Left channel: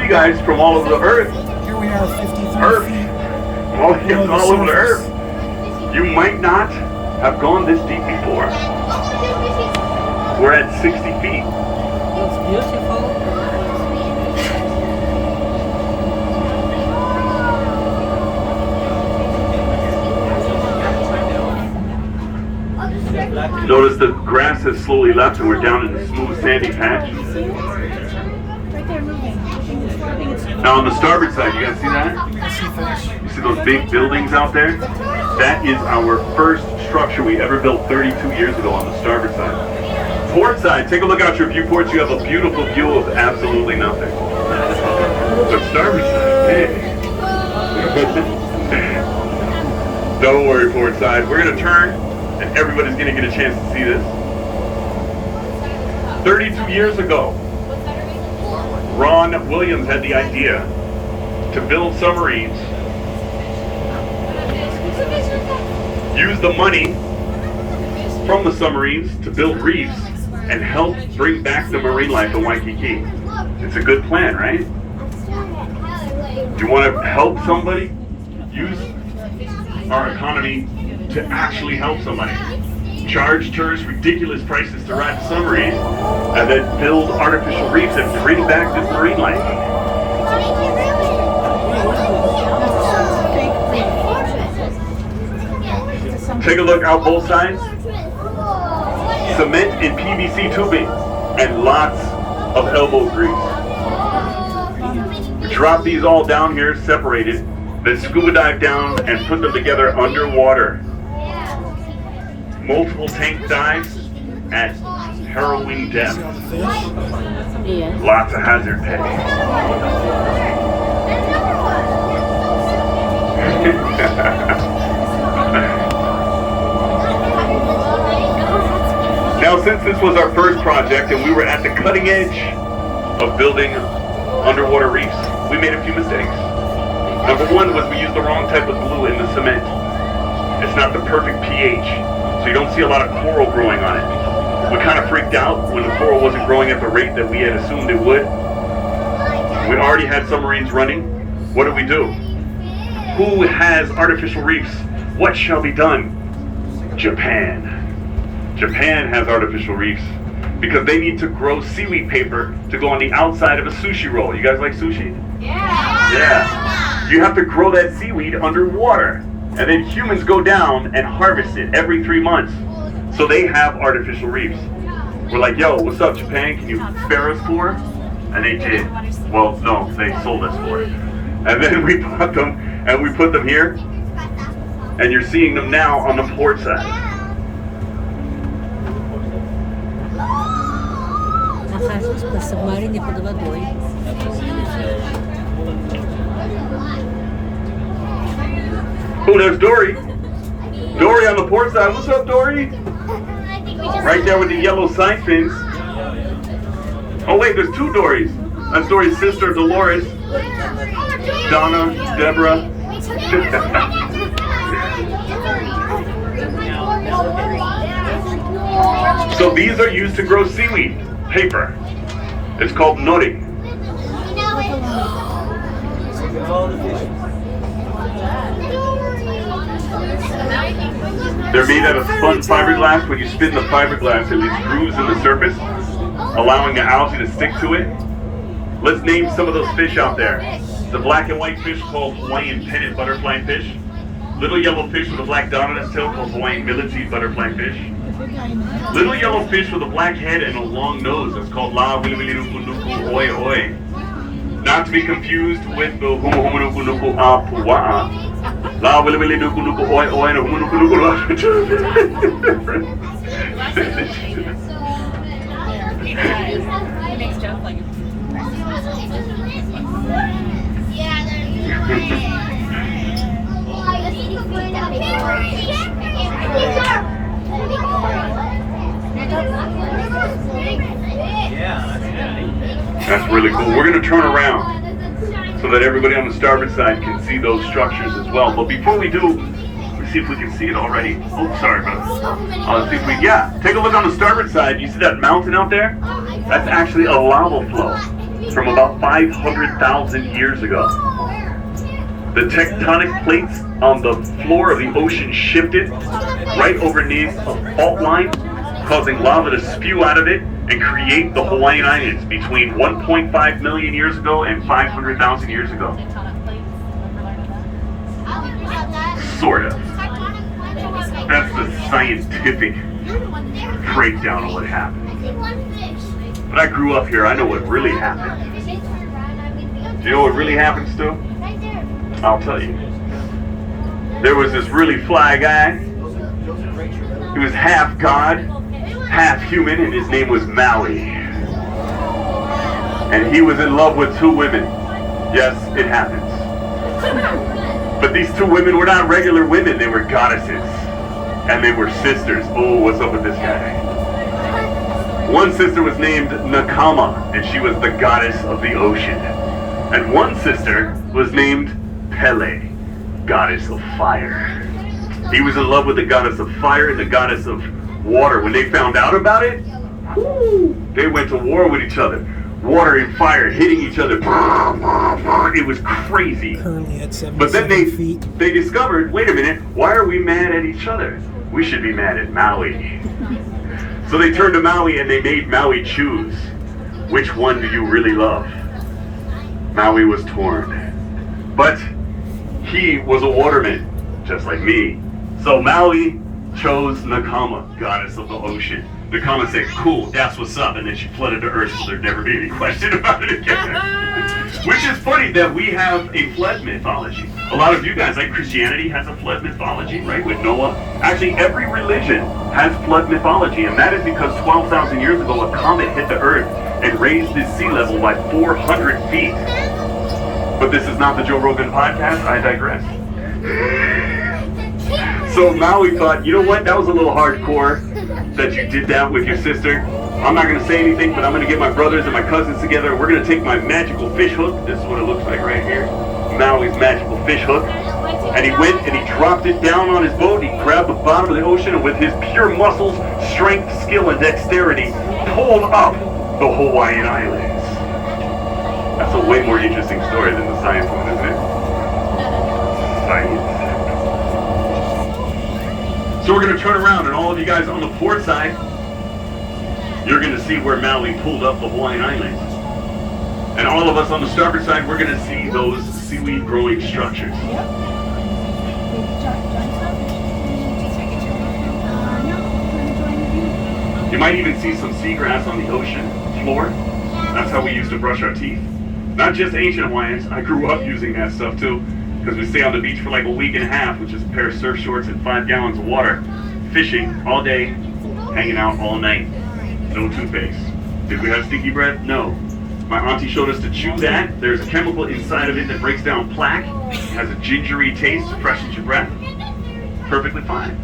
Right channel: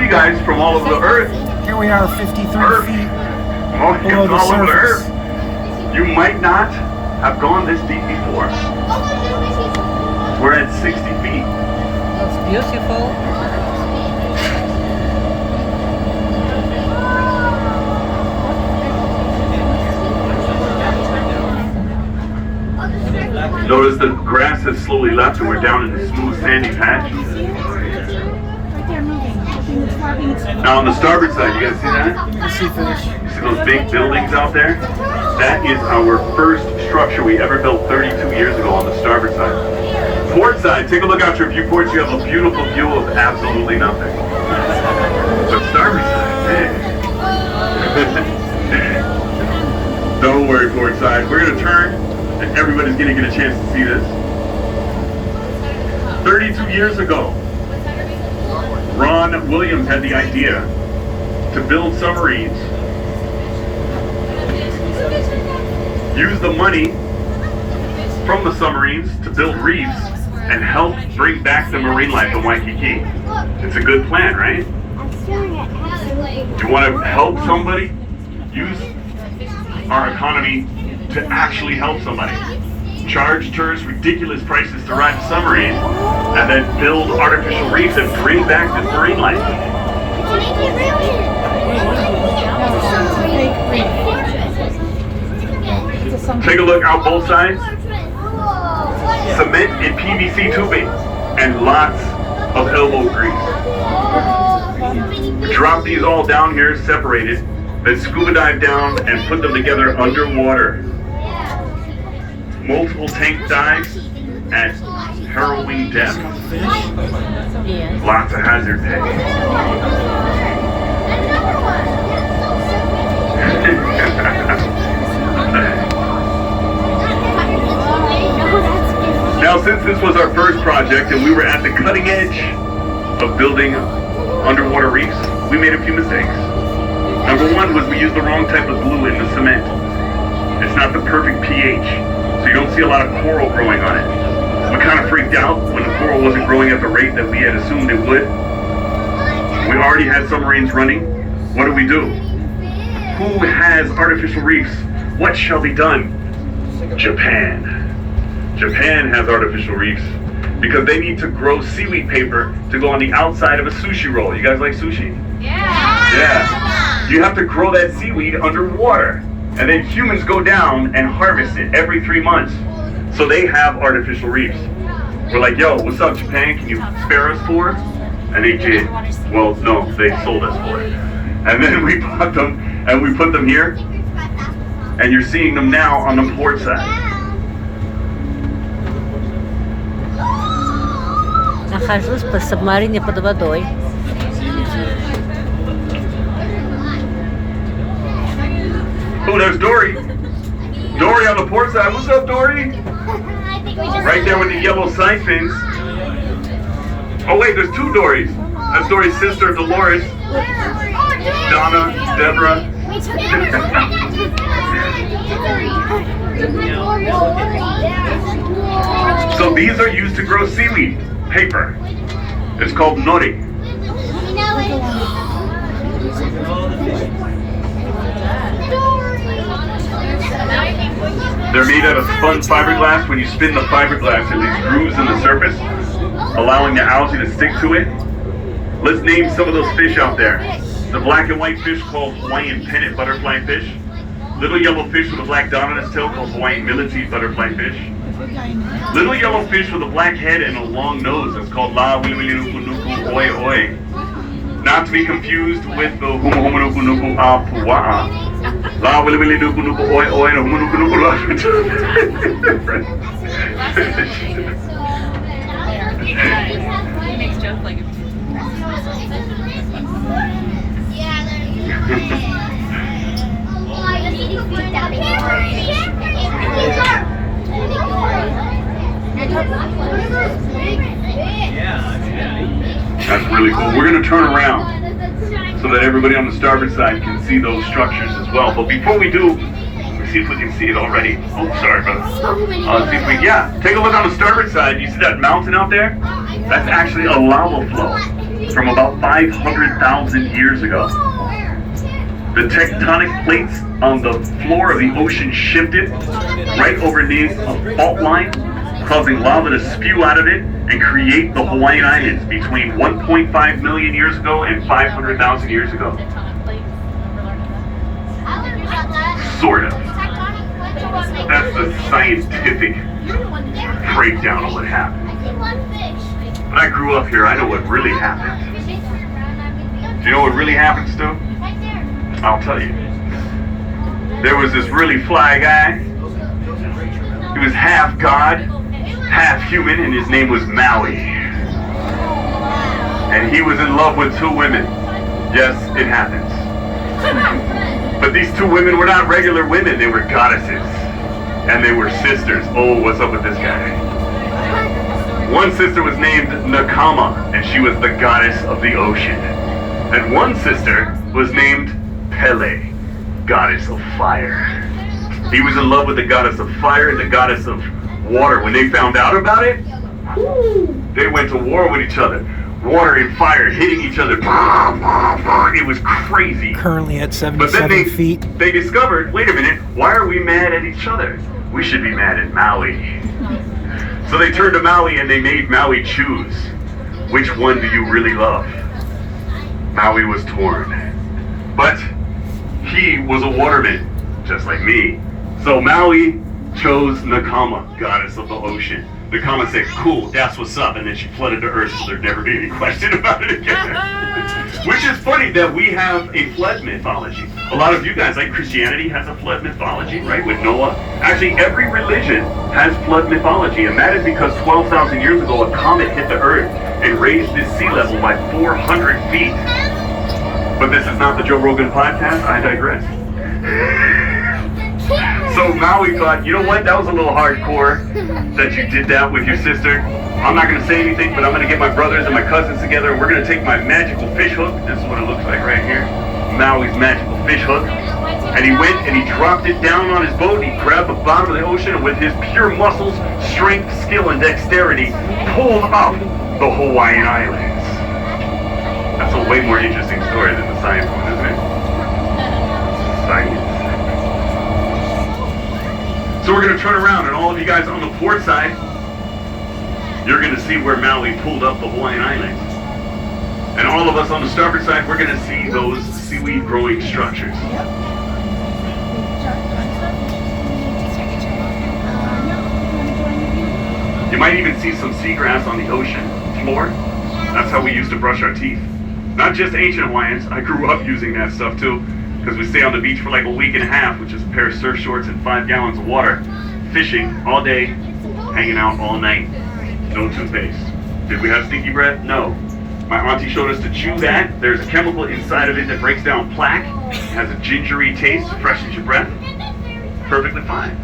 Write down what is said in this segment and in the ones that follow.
You guys from all over the earth. Here we are, 53 Earth. feet Oh, below it's the all over the surface. earth. You might not have gone this deep before. We're at 60 feet. It's beautiful. Notice the grass has slowly left and we're down in a smooth sandy patch. Right there moving. I think it's flapping its Now on the starboard side, you guys see that? I see fish. You see those big buildings out there? That is our first structure we ever built 32 years ago on the starboard side. Port side, take a look out your viewports. You have a beautiful view of absolutely nothing. But starboard side, hey. Don't worry, port side. We're going to turn and everybody's going to get a chance to see this. 32 years ago, Ron Williams had the idea to build submarines, use the money from the submarines to build reefs, and help bring back the marine life in Waikiki. It's a good plan, right? You want to help somebody? Use our economy to actually help somebody. Charge tourists ridiculous prices to ride a submarine, and then build artificial reefs and bring back this marine life. Take a look out both sides. Cement and PVC tubing and lots of elbow grease. Drop these all down here separated, then scuba dive down and put them together underwater. Multiple tank dives at harrowing depths. Yeah. Lots of hazard pay. Now, since this was our first project and we were at the cutting edge of building underwater reefs, we made a few mistakes. Number one was we used the wrong type of glue in the cement. It's not the perfect pH, so you don't see a lot of coral growing on it. We kind of freaked out when the coral wasn't growing at the rate that we had assumed it would. We already had submarines running. What do? Who has artificial reefs? What shall be done? Japan. Japan has artificial reefs because they need to grow seaweed paper to go on the outside of a sushi roll. You guys like sushi? Yeah. Yeah. You have to grow that seaweed underwater. And then humans go down and harvest it every 3 months. So they have artificial reefs. We're like, yo, what's up, Japan? Can you spare us for? And they did. Well, no, they sold us for it. And then we bought them and we put them here. And you're seeing them now on the port side. Нахожусь по Submarine под водой. Oh, there's Dory. Dory on the port side. What's up, Dory? Right there with the yellow side fins. Oh, wait, there's two Dorys. That's Dory's sister, Dolores. Donna, Deborah. So these are used to grow seaweed paper. It's called nori. They're made out of spun fiberglass. When you spin the fiberglass, there's these grooves in the surface, allowing the algae to stick to it. Let's name some of those fish out there. The black and white fish called Hawaiian pennant butterfly fish. Little yellow fish with a black dot on its tail called Hawaiian millipede butterfly fish. Little yellow fish with a black head and a long nose is called La Wiliwilinukunuku Oi Oi. Not to be confused with the Humuhumunukunuku A Pua'a. La Wiliwilinukunuku Oi Oi and Humunukunuku. He makes jokes like That's really cool. We're going to turn around so that everybody on the starboard side can see those structures as well. But before we do, let's see if we can see it already. Oh, sorry, brother. See if we, yeah, take a look on the starboard side. You see that mountain out there? That's actually a lava flow. from about 500,000 years ago. The tectonic plates on the floor of the ocean shifted right underneath a fault line, causing lava to spew out of it and create the Hawaiian Islands between 1.5 million years ago and 500,000 years ago. Sort of. That's the scientific breakdown of what happened. But I grew up here, I know what really happened. Do you know what really happened, Stu? I'll tell you. There was this really fly guy. He was half god, half human, and his name was Maui. And he was in love with two women. Yes, it happens. But these two women were not regular women, they were goddesses. And they were sisters. Oh, what's up with this guy? One sister was named Nakama, and she was the goddess of the ocean. And one sister was named Pele, goddess of fire. He was in love with the goddess of fire and the goddess of water. When they found out about it, they went to war with each other. Water and fire hitting each other. It was crazy. Currently at But then 77 feet. they discovered, wait a minute, why are we mad at each other? We should be mad at Maui. So they turned to Maui and they made Maui choose. Which one do you really love? Maui was torn. But he was a waterman, just like me. So Maui chose Nakama, goddess of the ocean. Nakama said, cool, that's what's up, and then she flooded the earth so there'd never be any question about it again. Which is funny that we have a flood mythology. A lot of you guys, like Christianity has a flood mythology, right, with Noah. Actually, every religion has flood mythology, and that is because 12,000 years ago, a comet hit the earth and raised the sea level by 400 feet. But this is not the Joe Rogan podcast, I digress. So Maui thought, you know what, that was a little hardcore that you did that with your sister. I'm not going to say anything, but I'm going to get my brothers and my cousins together, and we're going to take my magical fish hook. This is what it looks like right here. Maui's magical fish hook. And he went and he dropped it down on his boat. He grabbed the bottom of the ocean, and with his pure muscles, strength, skill, and dexterity, pulled up the Hawaiian Islands. That's a way more interesting story than the science one, isn't it? Science. So we're going to turn around, and all of you guys on the port side, you're going to see where Maui pulled up the Hawaiian Islands. And all of us on the starboard side, we're going to see those seaweed growing structures. You might even see some seagrass on the ocean floor. That's how we used to brush our teeth. Not just ancient Hawaiians, I grew up using that stuff too, because we stay on the beach for like a week and a half, which is a pair of surf shorts and 5 gallons of water, fishing all day, hanging out all night, no toothpaste. Did we have sticky breath? No. My auntie showed us to chew that. There's a chemical inside of it that breaks down plaque, has a gingery taste, freshens your breath. Perfectly fine.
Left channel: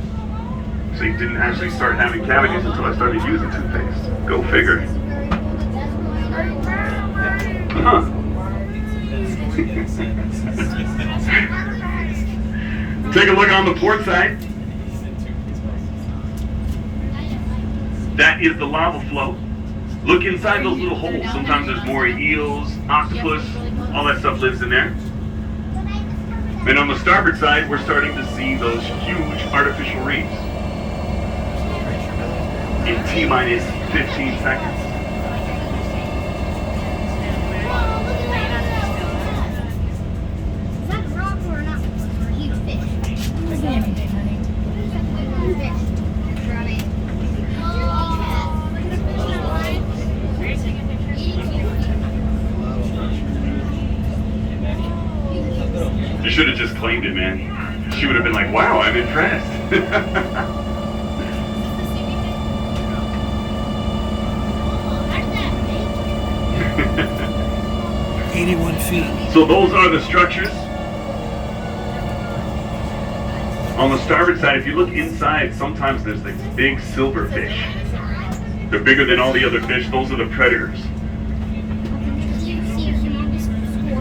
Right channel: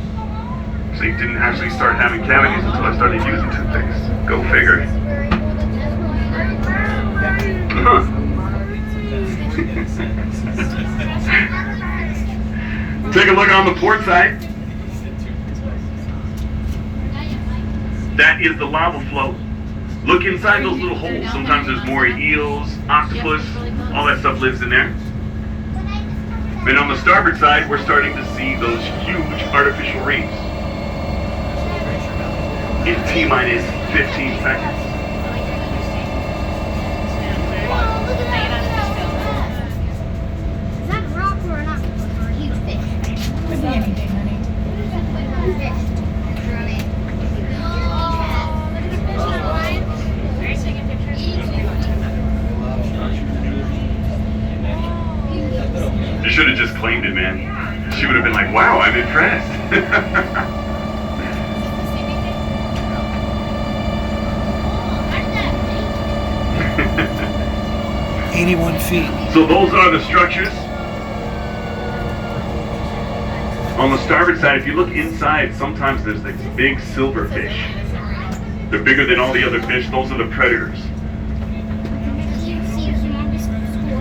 So you didn't actually start having cavities until I started using toothpaste. Go figure. Take a look on the port side. That is the lava flow. Look inside those little holes. Sometimes there's more eels, octopus, all that stuff lives in there. And on the starboard side, we're starting to see those huge artificial reefs. In T-minus 15 seconds. Is that rock or not? You fish. Could be anything, honey. You should have just claimed it, man. She would have been like, wow, I'm impressed. 81 feet. So those are the structures. On the starboard side, if you look inside, sometimes there's these big silverfish. They're bigger than all the other fish. Those are the predators.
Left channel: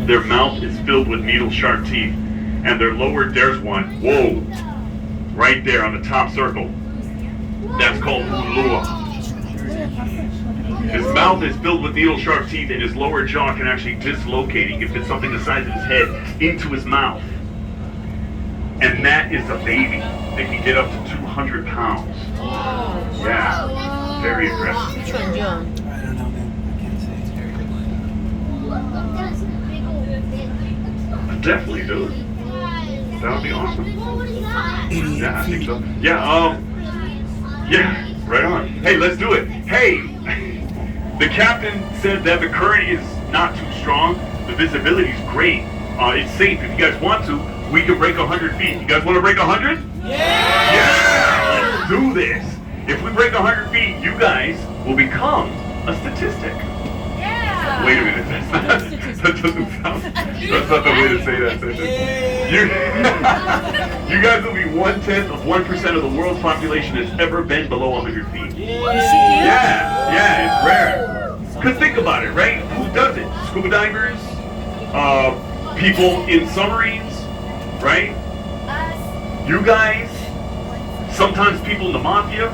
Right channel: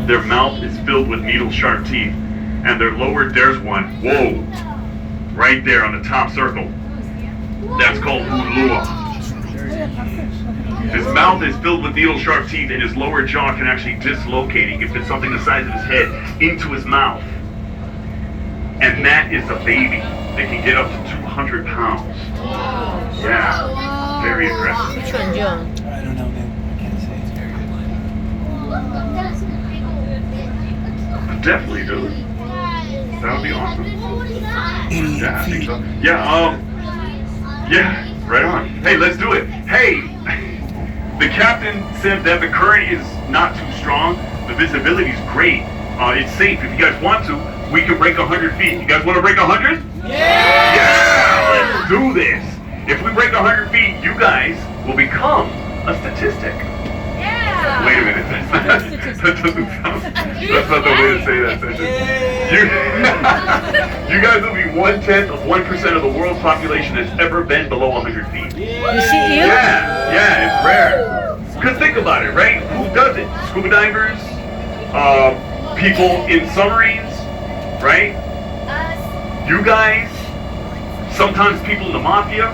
Their mouth is filled with needle-sharp teeth. And their lower, there's one. Whoa. Right there on the top circle. That's called Ulua. His mouth is filled with needle-sharp teeth, and his lower jaw can actually dislocate. He can fit something the size of his head into his mouth. And that is a baby that can get up to 200 pounds. Yeah, very aggressive. Which one, John? I don't know, man. I can't say. Definitely, dude. That would be awesome. 88 Yeah, I think feet. so. Yeah, right on. Hey, let's do it. Hey, the captain said that the current is not too strong. The visibility is great. It's safe. If you guys want to, we can break 100 feet. You guys want to break 100? Yeah! Let's do this. If we break 100 feet, you guys will become a statistic. Wait a minute. That doesn't sound. That's not the way to say that sentence. You guys will be 1/10 of 1% of the world's population that's ever been below 100 feet. You see you? Yeah, it's rare. Because think about it, right? Who does it? Scuba divers, people in submarines, right? You guys, sometimes people in the mafia.